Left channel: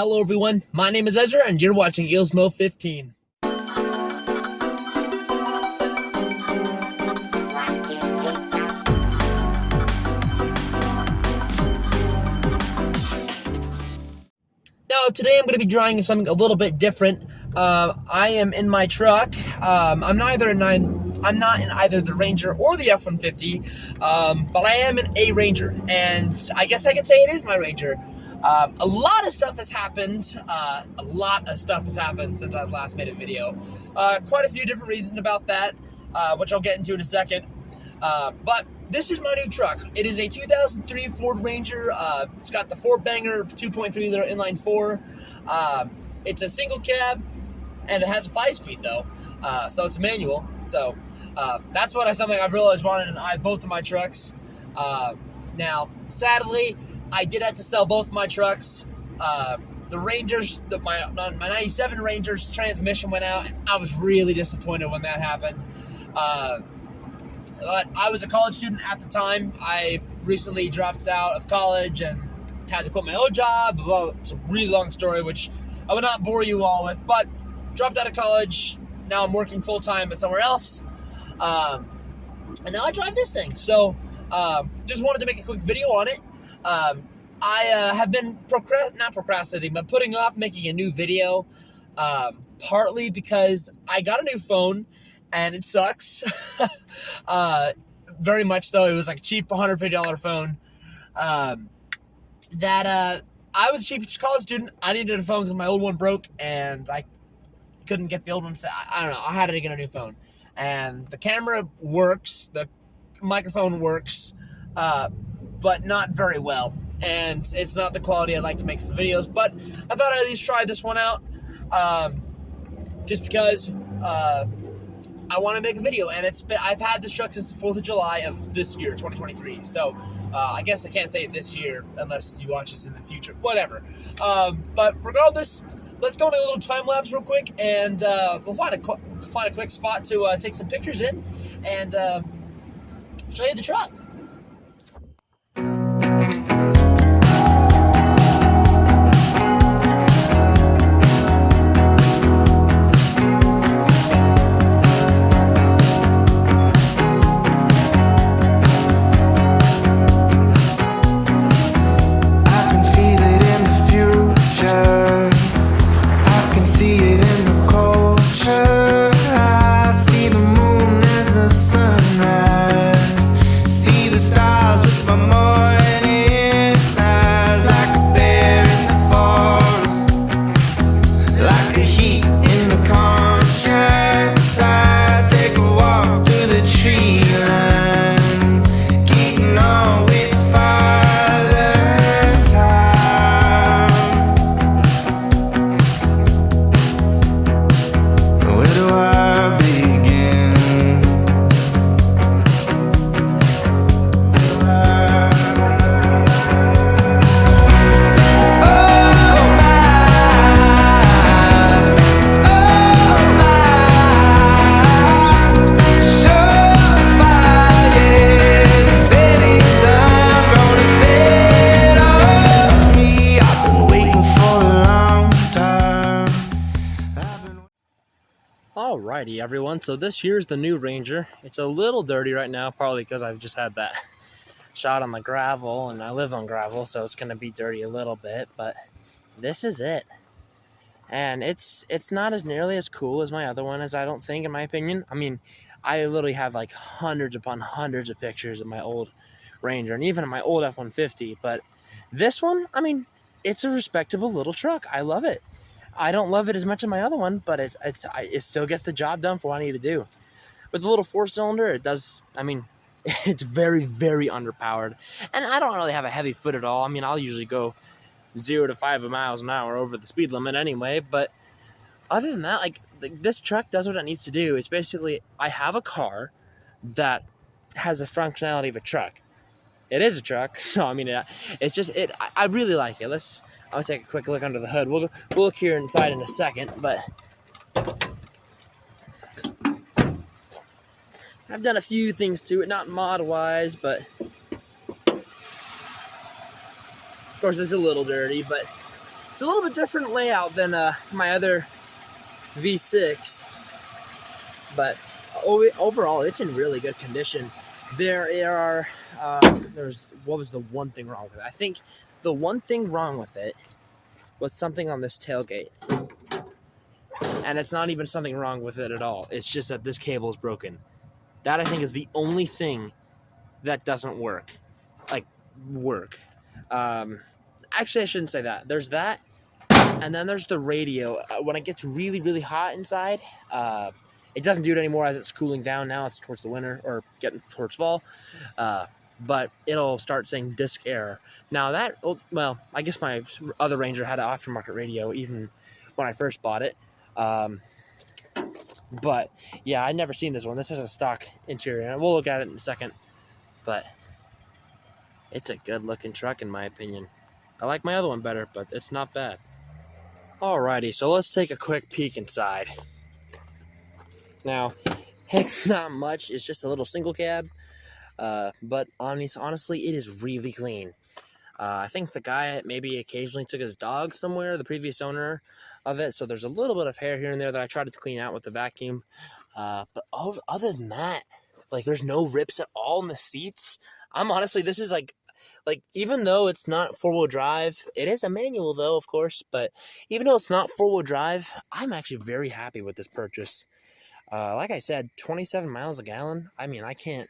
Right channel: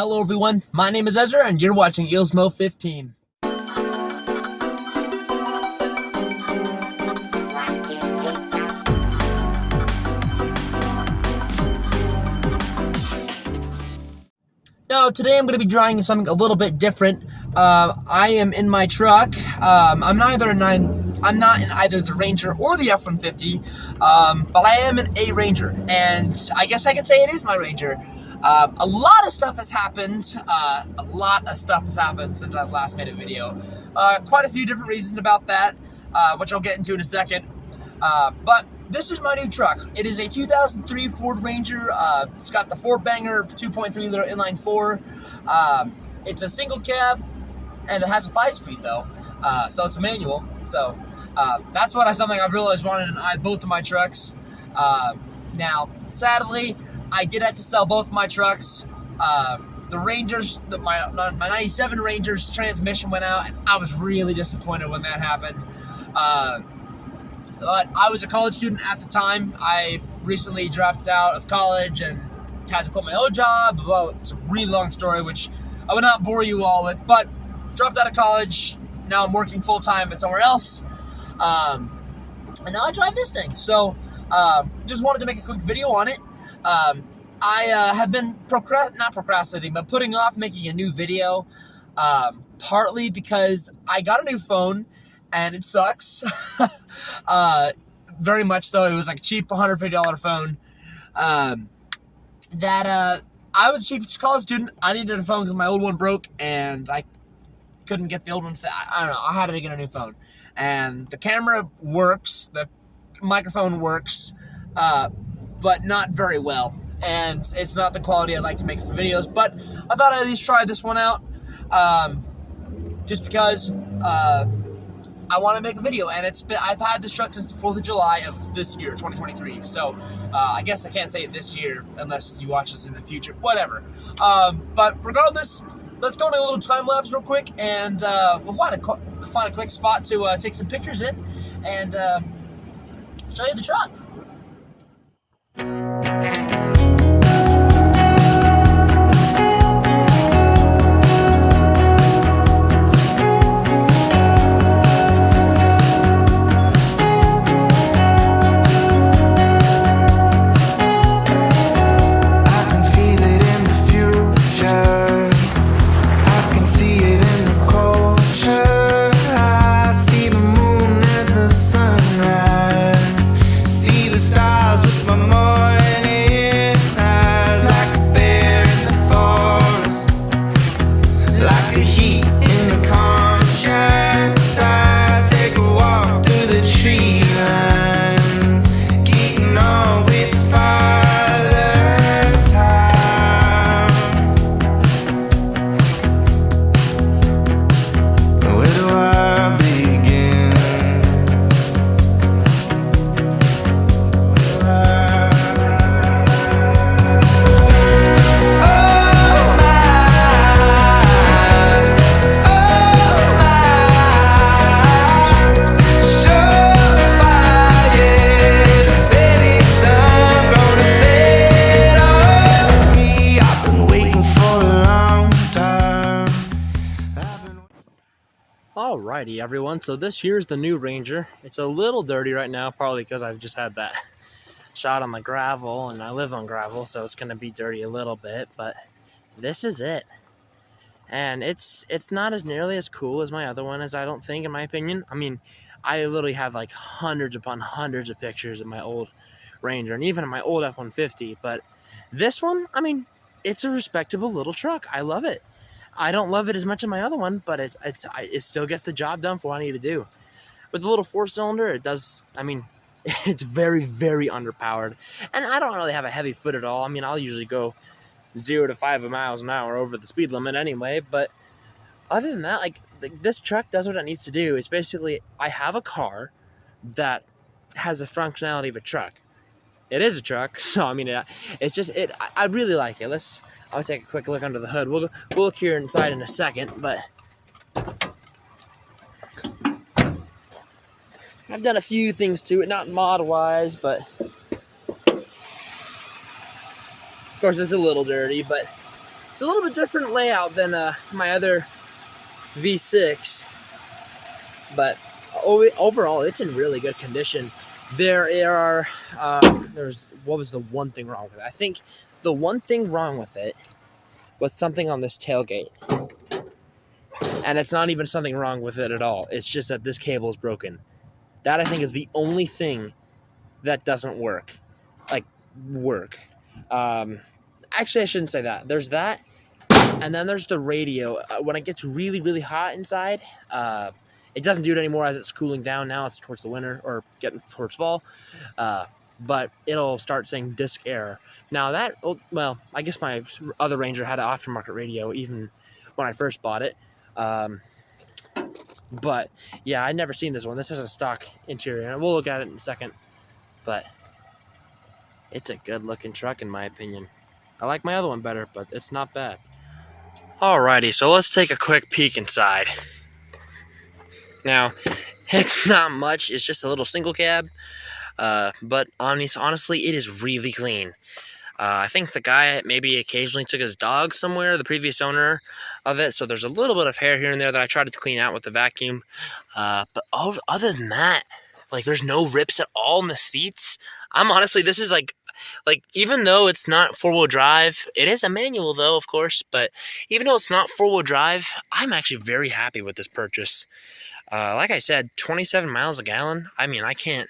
Hello everyone, my name is Ezra and you're watching Eelsmo 15. Now today I'm going to be drawing something a little bit different. I am in my truck. I'm not in either the Ranger or the F-150, but I am in a Ranger, and I guess I could say it is my Ranger. A lot of stuff has happened. Since I last made a video. Quite a few different reasons about that, which I'll get into in a second. But this is my new truck. It is a 2003 Ford Ranger. It's got the 4-banger 2.3 liter inline 4. It's a single cab, and it has a 5-speed though. So it's a manual. So that's something I've realized wanted in both of my trucks. Now, sadly, I did have to sell both my trucks. The Rangers, my 97 Ranger's transmission went out, and I was really disappointed when that happened. But I was a college student at the time. I recently dropped out of college and had to quit my old job. Well, it's a really long story, which I would not bore you all with, but dropped out of college. Now I'm working full-time at somewhere else. And now I drive this thing. So just wanted to make a quick video on it. I have been not procrastinating, but putting off making a new video, partly because I got a new phone and it sucks. Very much so. It was like a cheap $150 phone. I was a cheap college student. I needed a phone because my old one broke and I couldn't get the old one. I don't know. I had to get a new phone, and the camera works, the microphone works, but not very well, and it's not the quality I'd like to make for videos. But I thought I'd at least try this one out, just because I want to make a video, and I've had this truck since the 4th of July of this year, 2023. So I guess I can't say this year unless you watch this in the future. Whatever. But regardless, let's go into a little time lapse real quick, and we'll find a quick spot to take some pictures in and show you the truck. Alrighty everyone, so this here's the new Ranger. It's a little dirty right now, probably because I've just had that shot on the gravel, and I live on gravel, so it's gonna be dirty a little bit, but this is it. And it's not as nearly as cool as my other one, as I don't think, in my opinion. I mean, I literally have like hundreds upon hundreds of pictures of my old Ranger, and even my old F-150, but this one, I mean, it's a respectable little truck. I love it. I don't love it as much as my other one, but it still gets the job done for what I need to do. With the little 4-cylinder, it does, I mean, it's very, very underpowered. And I don't really have a heavy foot at all. I mean, I'll usually go 0 to 5 miles an hour over the speed limit anyway. But other than that, like this truck does what it needs to do. It's basically, I have a car that has the functionality of a truck. It is a truck, so I mean, it's just it. I really like it. I'll take a quick look under the hood. We'll look here inside in a second, but I've done a few things to it, not mod-wise, but of course it's a little dirty, but It's a little bit different layout than my other V6, but overall it's in really good condition. There's what was the one thing wrong with it? I think the one thing wrong with it was something on this tailgate. And it's not even something wrong with it at all. It's just that this cable is broken. That, I think, is the only thing that doesn't work. Actually, I shouldn't say that. There's that, and then there's the radio. When it gets really, really hot inside, it doesn't do it anymore as it's cooling down now. It's towards the winter or getting towards fall. But it'll start saying disk error. Now that, well, I guess my other Ranger had an aftermarket radio even when I first bought it. But yeah, I'd never seen this one. This has a stock interior, and we'll look at it in a second. But it's a good looking truck in my opinion. I like my other one better, but it's not bad. Alrighty, so let's take a quick peek inside. Now, it's not much. It's just a little single cab. But honestly, it is really clean. I think the guy maybe occasionally took his dog somewhere, the previous owner of it, so there's a little bit of hair here and there that I tried to clean out with the vacuum. But other than that, like, there's no rips at all in the seats. This is like even though it's not four-wheel drive, it is a manual though, of course, but even though it's not four-wheel drive, I'm actually very happy with this purchase. Like I said, 27 miles a gallon. I mean, I can't,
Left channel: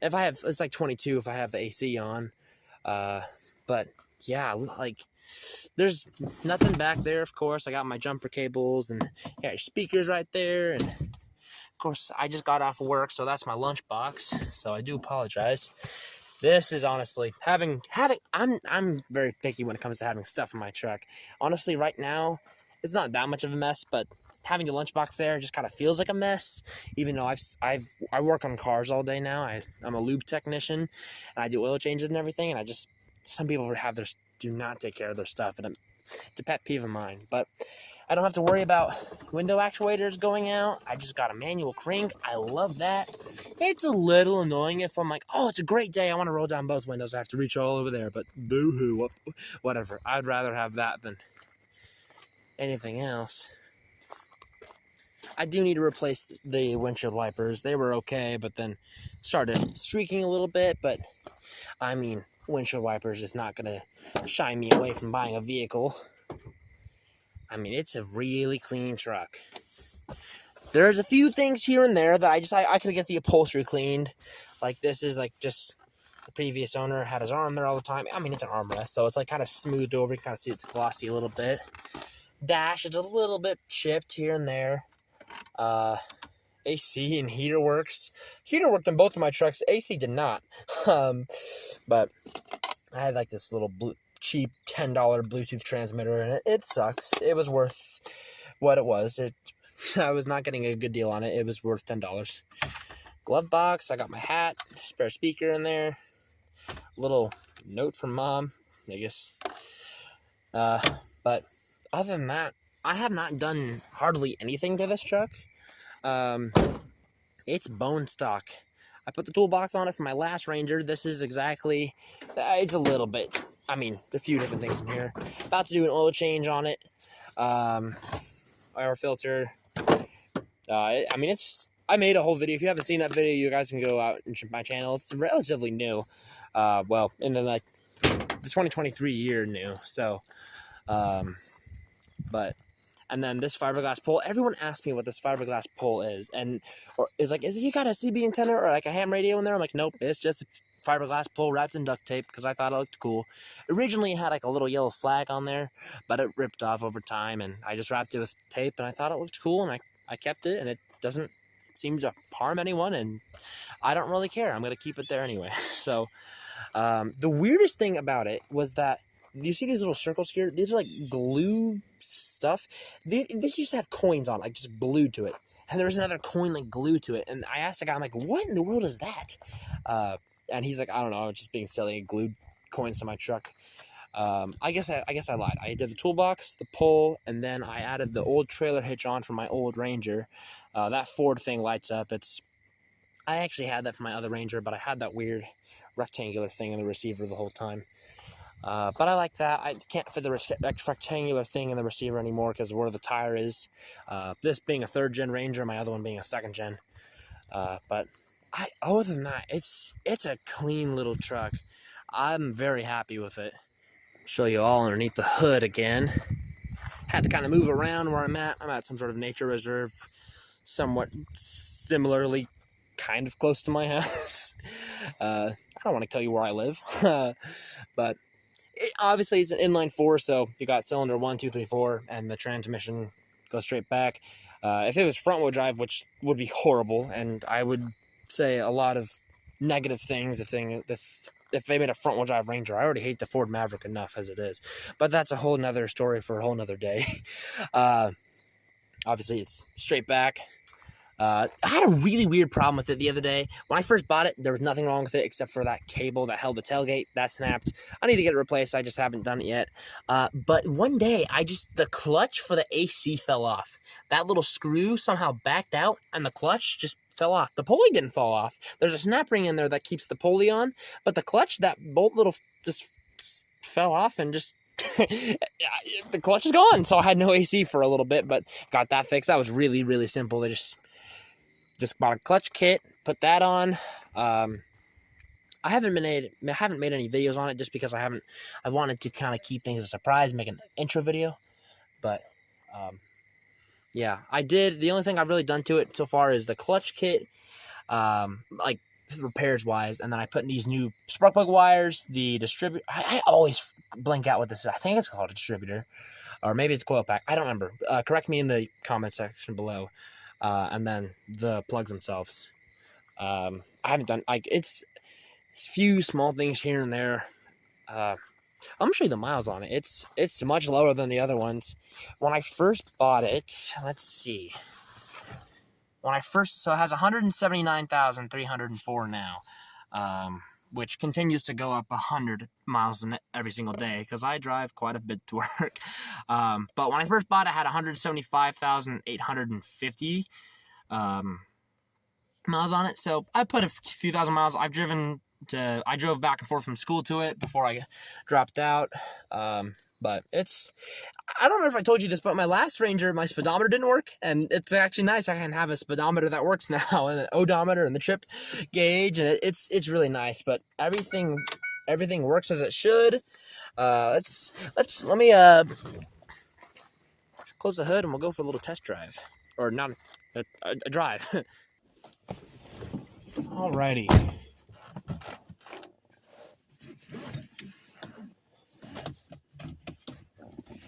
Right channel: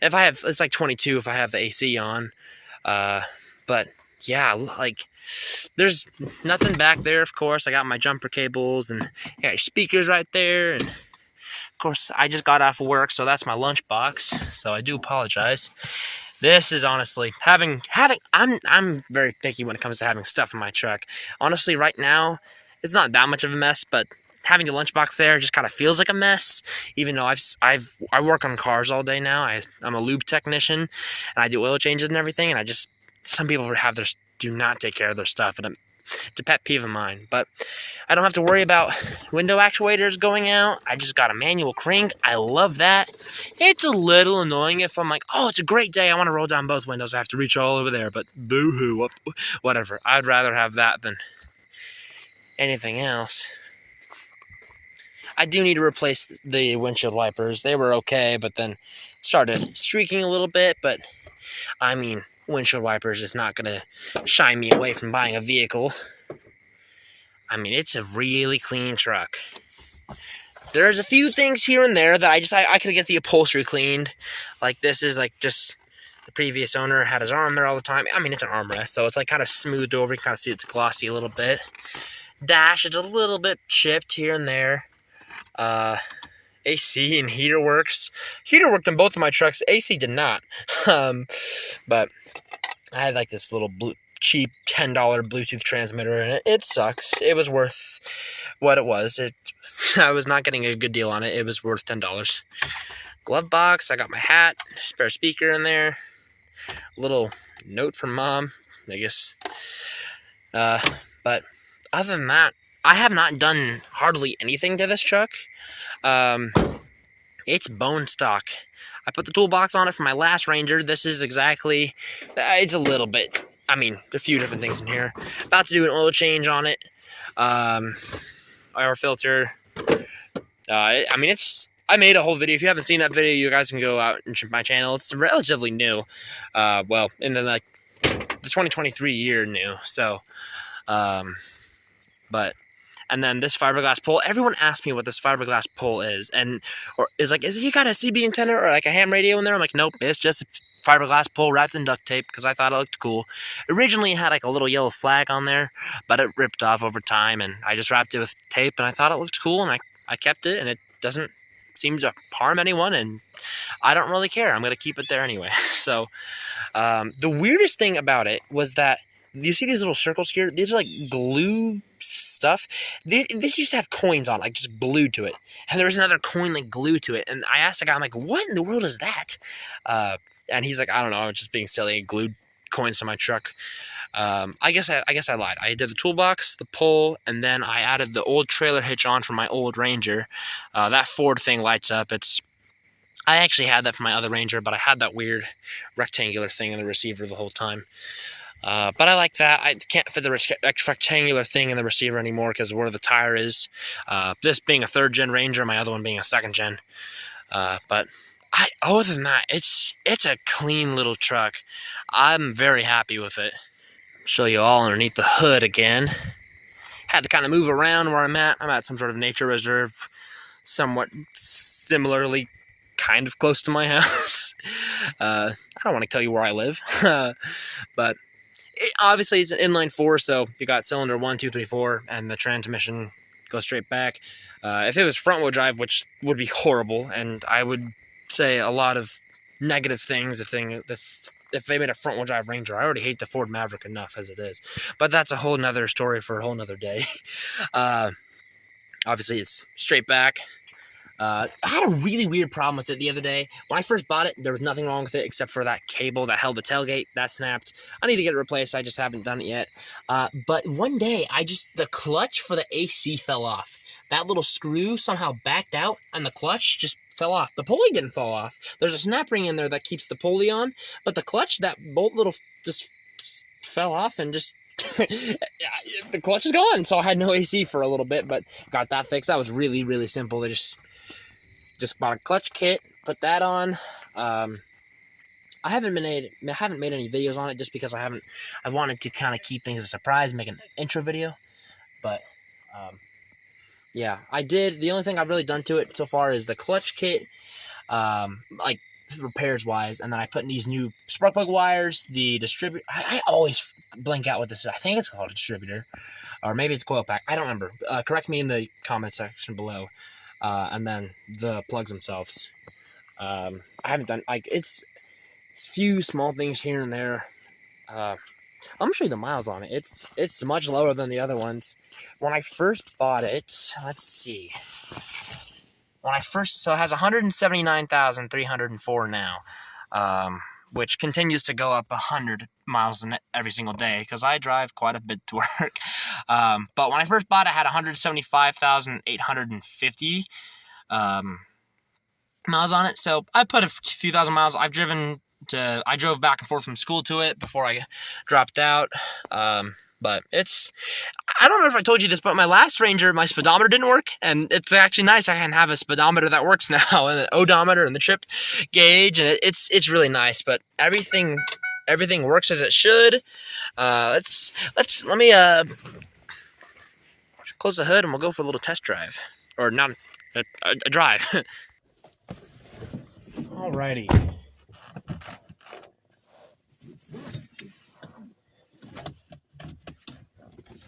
it's like 22 if I have the AC on. But yeah, like, there's nothing back there, of course. I got my jumper cables and got speakers right there, and of course I just got off of work, so that's my lunch box, so I do apologize. This is honestly I'm very picky when it comes to having stuff in my truck. Honestly, right now it's not that much of a mess, but having the lunchbox there just kind of feels like a mess. Even though I work on cars all day now. I'm a lube technician, and I do oil changes and everything. And some people do not take care of their stuff, and it's a pet peeve of mine. But I don't have to worry about window actuators going out. I just got a manual crank. I love that. It's a little annoying if I'm like, oh, it's a great day, I want to roll down both windows. I have to reach all over there. But boo-hoo, whatever. I'd rather have that than anything else. I do need to replace the windshield wipers. They were okay, but then started streaking a little bit. But, I mean, windshield wipers is not going to shy me away from buying a vehicle. I mean, it's a really clean truck. There's a few things here and there that I could get the upholstery cleaned. Like, this is like just the previous owner had his arm there all the time. I mean, it's an armrest, so it's like kind of smoothed over. You can kind of see it's glossy a little bit. Dash is a little bit chipped here and there. AC and heater works. Heater worked on both of my trucks. AC did not. But I had like this little cheap $10 Bluetooth transmitter, and it sucks. It was worth what it was. I was not getting a good deal on it. It was worth $10. Glove box. I got my hat, spare speaker in there. Little note from mom, I guess. But other than that, I have not done hardly anything to this truck. It's bone stock. I put the toolbox on it for my last Ranger. This is exactly, it's a little bit, I mean, a few different things in here. About to do an oil change on it. Air filter. I mean, I made a whole video. If you haven't seen that video, you guys can go out and check my channel. It's relatively new. Well, in the 2023 year new. So, but, and then this fiberglass pole. Everyone asks me what this fiberglass pole is, or is like, is he got a CB antenna or like a ham radio in there? I'm like, nope, it's just a fiberglass pole wrapped in duct tape because I thought it looked cool. Originally, it had like a little yellow flag on there, but it ripped off over time, and I just wrapped it with tape, and I thought it looked cool, and I kept it, and it doesn't seem to harm anyone, and I don't really care. I'm gonna keep it there anyway. So, the weirdest thing about it was that, you see these little circles here? These are like glue stuff. This used to have coins on, like just glued to it. And there was another coin like glued to it. And I asked the guy, I'm like, what in the world is that? And he's like, I don't know. I'm just being silly. I glued coins to my truck. I guess I lied. I did the toolbox, the pole, and then I added the old trailer hitch on for my old Ranger. That Ford thing lights up. I actually had that for my other Ranger, but I had that weird rectangular thing in the receiver the whole time. But I like that. I can't fit the rectangular thing in the receiver anymore because of where the tire is. This being a 3rd-gen Ranger, my other one being a 2nd-gen. But other than that, it's a clean little truck. I'm very happy with it. Show you all underneath the hood again. Had to kind of move around where I'm at. I'm at some sort of nature reserve, somewhat similarly kind of close to my house. I don't want to tell you where I live, but obviously it's an inline 4, so you got cylinder 1, 2, 3, 4, and the transmission goes straight back. If it was front-wheel drive, which would be horrible, and I would say a lot of negative things if they made a front-wheel drive Ranger. I already hate the Ford Maverick enough as it is, but that's a whole nother story for a whole nother day. Obviously it's straight back. I had a really weird problem with it the other day. When I first bought it, there was nothing wrong with it except for that cable that held the tailgate. That snapped. I need to get it replaced. I just haven't done it yet. But one day, the clutch for the AC fell off. That little screw somehow backed out, and the clutch just fell off. The pulley didn't fall off. There's a snap ring in there that keeps the pulley on, but the clutch, that bolt just fell off and just... the clutch is gone. So I had no AC for a little bit, but got that fixed. That was really, really simple. They just bought a clutch kit, put that on. I haven't made any videos on it just because I wanted to kind of keep things a surprise, make an intro video. But yeah, I did. The only thing I've really done to it so far is the clutch kit, like repairs wise, and then I put in these new spark plug wires, the distributor. I always blank out what this is. I think it's called a distributor, or maybe it's a coil pack. I don't remember. Correct me in the comment section below. And then the plugs themselves. I haven't done, like, it's few small things here and there. I'm gonna show you the miles on it. It's much lower than the other ones. When I first bought it, let's see. So it has 179,304 now, which continues to go up 100 miles every single day because I drive quite a bit to work. But when I first bought it, I had 175,850 miles on it. So I put a few thousand miles. I drove back and forth from school to it before I dropped out. But I don't know if I told you this, but my last Ranger, my speedometer didn't work, and it's actually nice. I can have a speedometer that works now, and an odometer and the trip gauge, and it's really nice. But everything works as it should. Let me close the hood, and we'll go for a little test drive, or not a drive. Alrighty.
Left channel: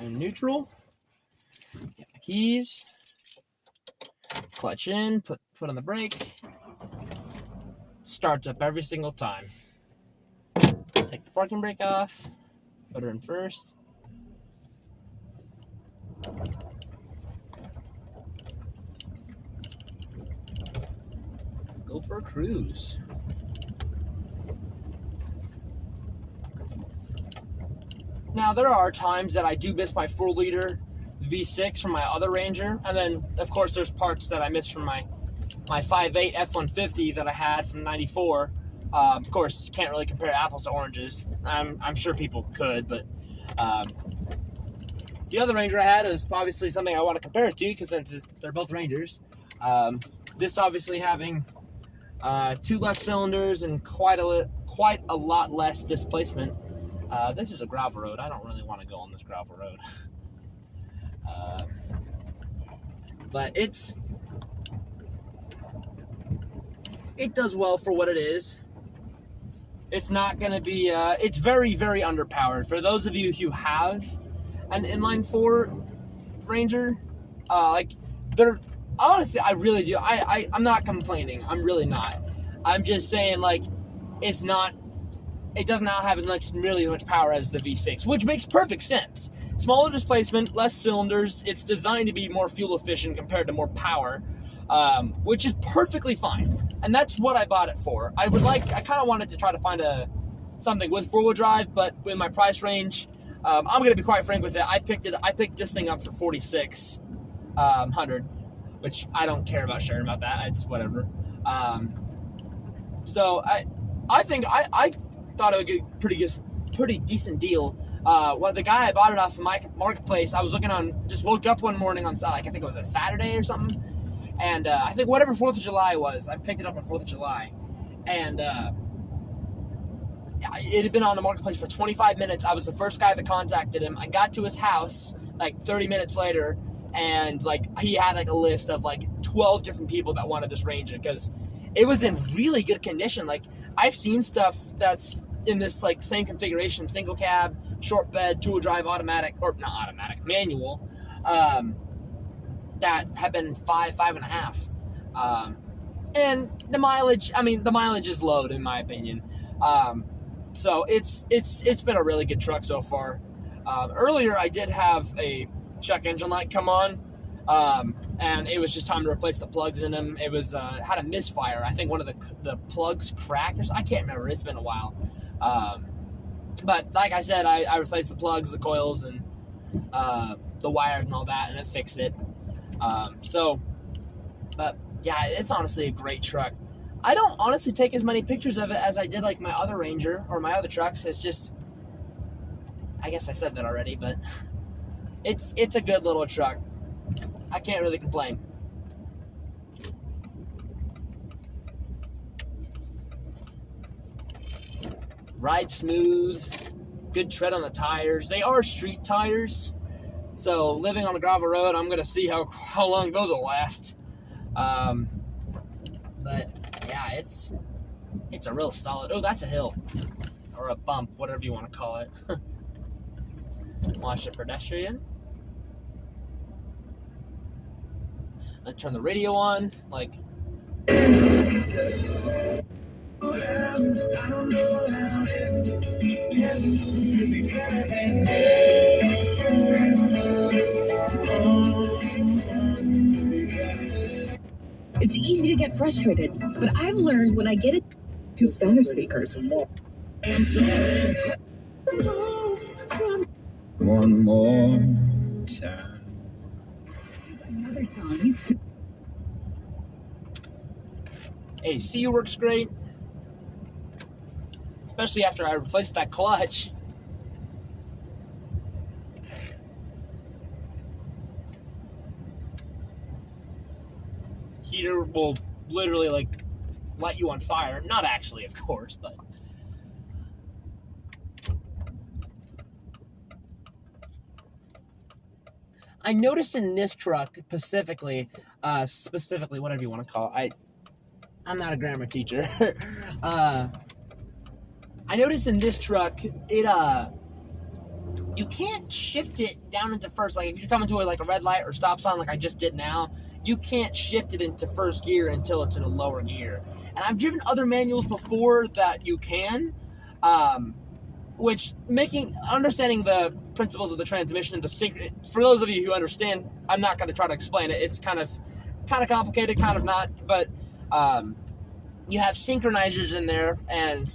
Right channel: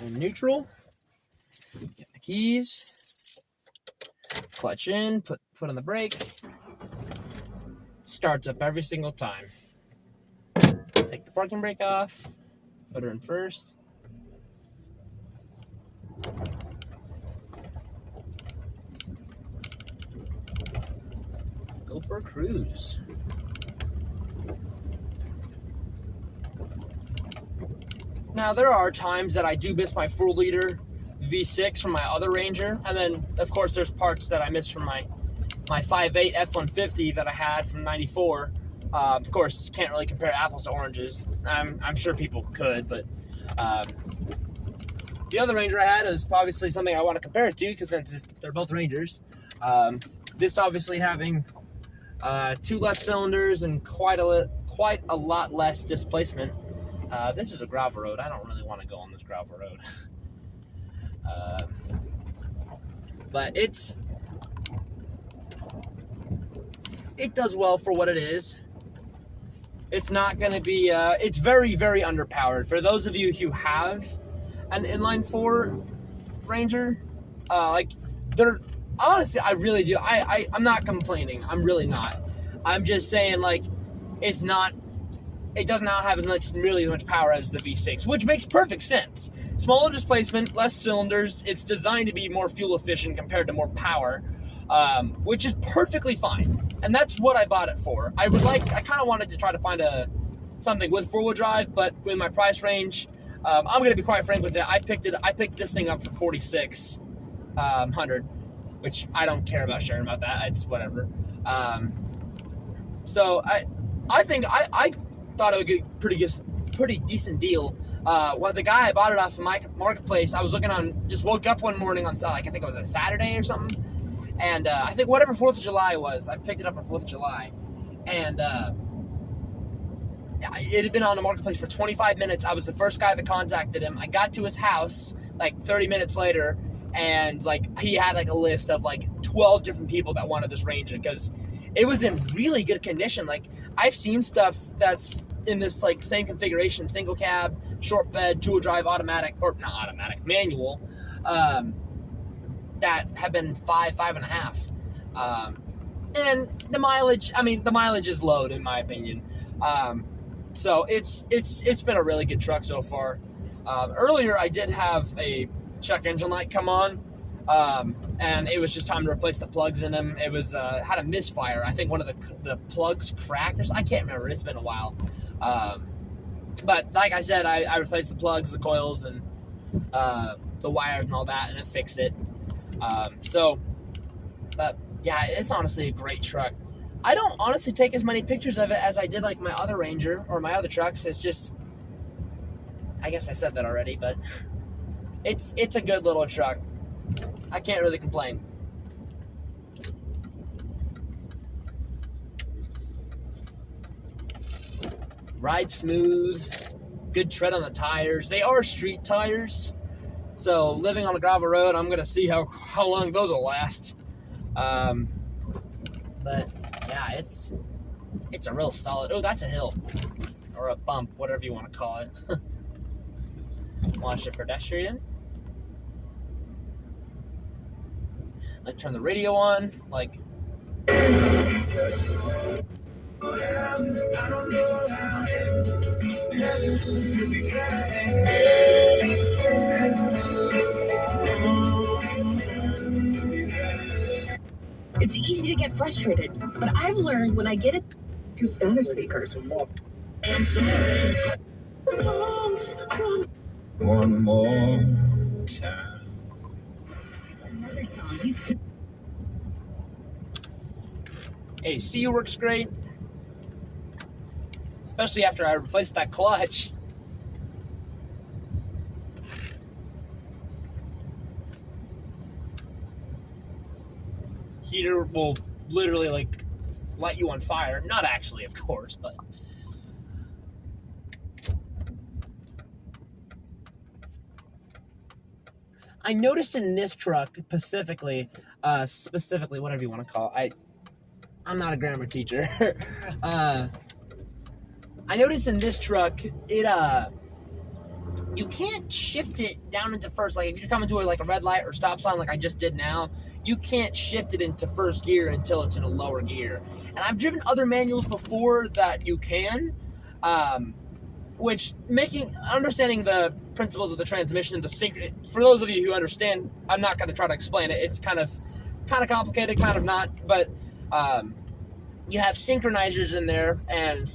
In neutral, get the keys, clutch in, put foot on the brake, starts up every single time. Take the parking brake off, put her in first. Go for a cruise. Now, there are times that I do miss my 4-liter V6 from my other Ranger, and then, of course, there's parts that I miss from my 5.8 F-150 that I had from '94. Of course, can't really compare apples to oranges. I'm sure people could, but the other Ranger I had is obviously something I want to compare it to because they're both Rangers. This obviously having 2 less cylinders and quite a lot less displacement. This is a gravel road. I don't really want to go on this gravel road. But it does well for what it is. It's not going to be, it's very, very underpowered. For those of you who have an inline 4 Ranger, honestly, I really do. I'm not complaining. I'm really not. I'm just saying, like, it does not have nearly as much power as the V6, which makes perfect sense. Smaller displacement, less cylinders. It's designed to be more fuel efficient compared to more power, which is perfectly fine. And that's what I bought it for. I kind of wanted to try to find something with 4-wheel drive, but in my price range, I'm going to be quite frank with it. I picked this thing up for $4,600, which I don't care about sharing about that. It's whatever. So I think I thought it would get pretty decent deal. Well, the guy I bought it off of my marketplace, I was looking on, just woke up one morning on, like, I think it was a Saturday or something, and I think whatever 4th of July was, I picked it up on 4th of July, and it had been on the marketplace for 25 minutes. I was the first guy that contacted him. I got to his house like 30 minutes later, and like he had like a list of like 12 different people that wanted this Ranger because it was in really good condition. Like, I've seen stuff that's in this like same configuration, single cab, short bed, 2-wheel drive, automatic, or not automatic, manual, that have been 5.5. And the mileage, I mean, the mileage is low in my opinion. So it's been a really good truck so far. Earlier I did have a check engine light come on, and it was just time to replace the plugs in them. It was had a misfire. I think one of the plugs cracked or something. I can't remember. It's been a while. But like I said, I replaced the plugs, the coils, and the wires and all that, and it fixed it. But yeah, it's honestly a great truck. I don't honestly take as many pictures of it as I did like my other Ranger or my other trucks. It's just, I guess I said that already, but it's a good little truck. I can't really complain. Ride smooth, good tread on the tires. They are street tires, so living on a gravel road, I'm gonna see how long those will last. But yeah, it's a real solid. Oh, that's a hill or a bump, whatever you want to call it. Watch the pedestrian. Let's turn the radio on, like. It's easy to get frustrated, but I've learned when I get it to standard speakers. One more time. Another song you still. AC works great, especially after I replaced that clutch. Heater will literally like light you on fire. Not actually, of course, but I noticed in this truck specifically, whatever you want to call it. I'm not a grammar teacher. I noticed in this truck, you can't shift it down into first. Like if you're coming to like a red light or stop sign, like I just did now, you can't shift it into first gear until it's in a lower gear. And I've driven other manuals before that you can, which understanding the principles of the transmission and the sync. For those of you who understand, I'm not going to try to explain it. It's kind of complicated, kind of not, but you have synchronizers in there, and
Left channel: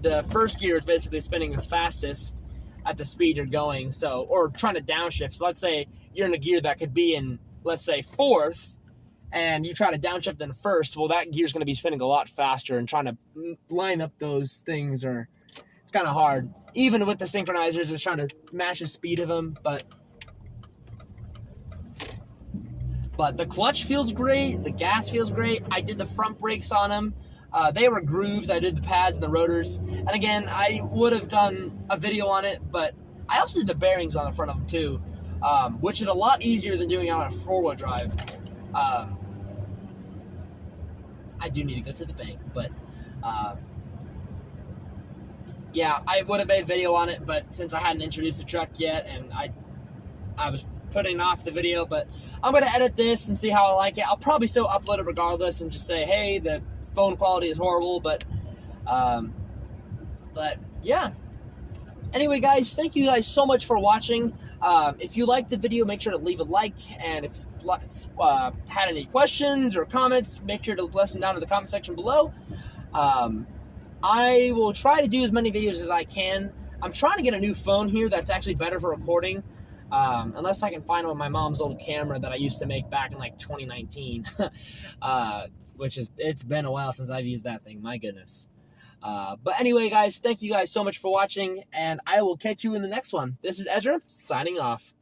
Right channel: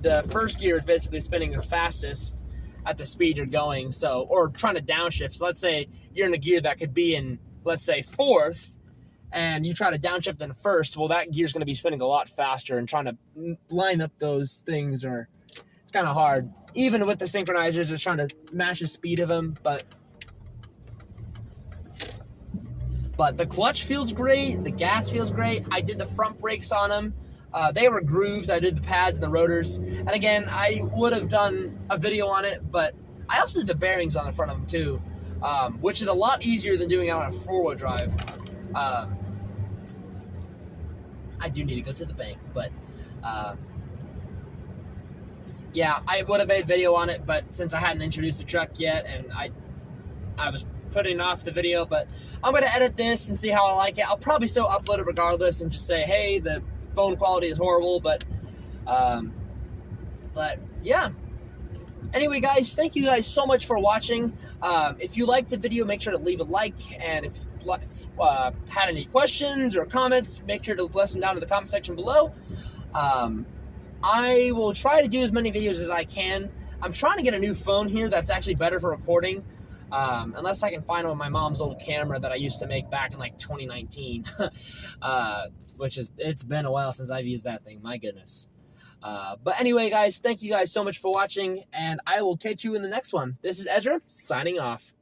the first gear is basically spinning as fastest at the speed you're going. So, or trying to downshift. So let's say you're in a gear that could be in, let's say, fourth, and you try to downshift in first. Well, that gear's going to be spinning a lot faster, and trying to line up those things it's kind of hard. Even with the synchronizers, it's trying to match the speed of them, but the clutch feels great, the gas feels great. I did the front brakes on them. They were grooved. I did the pads and the rotors. And again, I would have done a video on it, but I also did the bearings on the front of them too, which is a lot easier than doing it on a 4-wheel drive. I do need to go to the bank, but yeah, I would have made a video on it, but since I hadn't introduced the truck yet, and I was putting off the video, but I'm going to edit this and see how I like it. I'll probably still upload it regardless and just say, hey, the phone quality is horrible, but yeah. Anyway, guys, thank you guys so much for watching. If you liked the video, make sure to leave a like, and if you had any questions or comments, make sure to list them down in the comment section below. I will try to do as many videos as I can. I'm trying to get a new phone here that's actually better for recording. Unless I can find one of my mom's old camera that I used to make back in like 2019, which it's been a while since I've used that thing, my goodness. But anyway, guys, thank you guys so much for watching, and I will catch you in the next one. This is Ezra, signing off.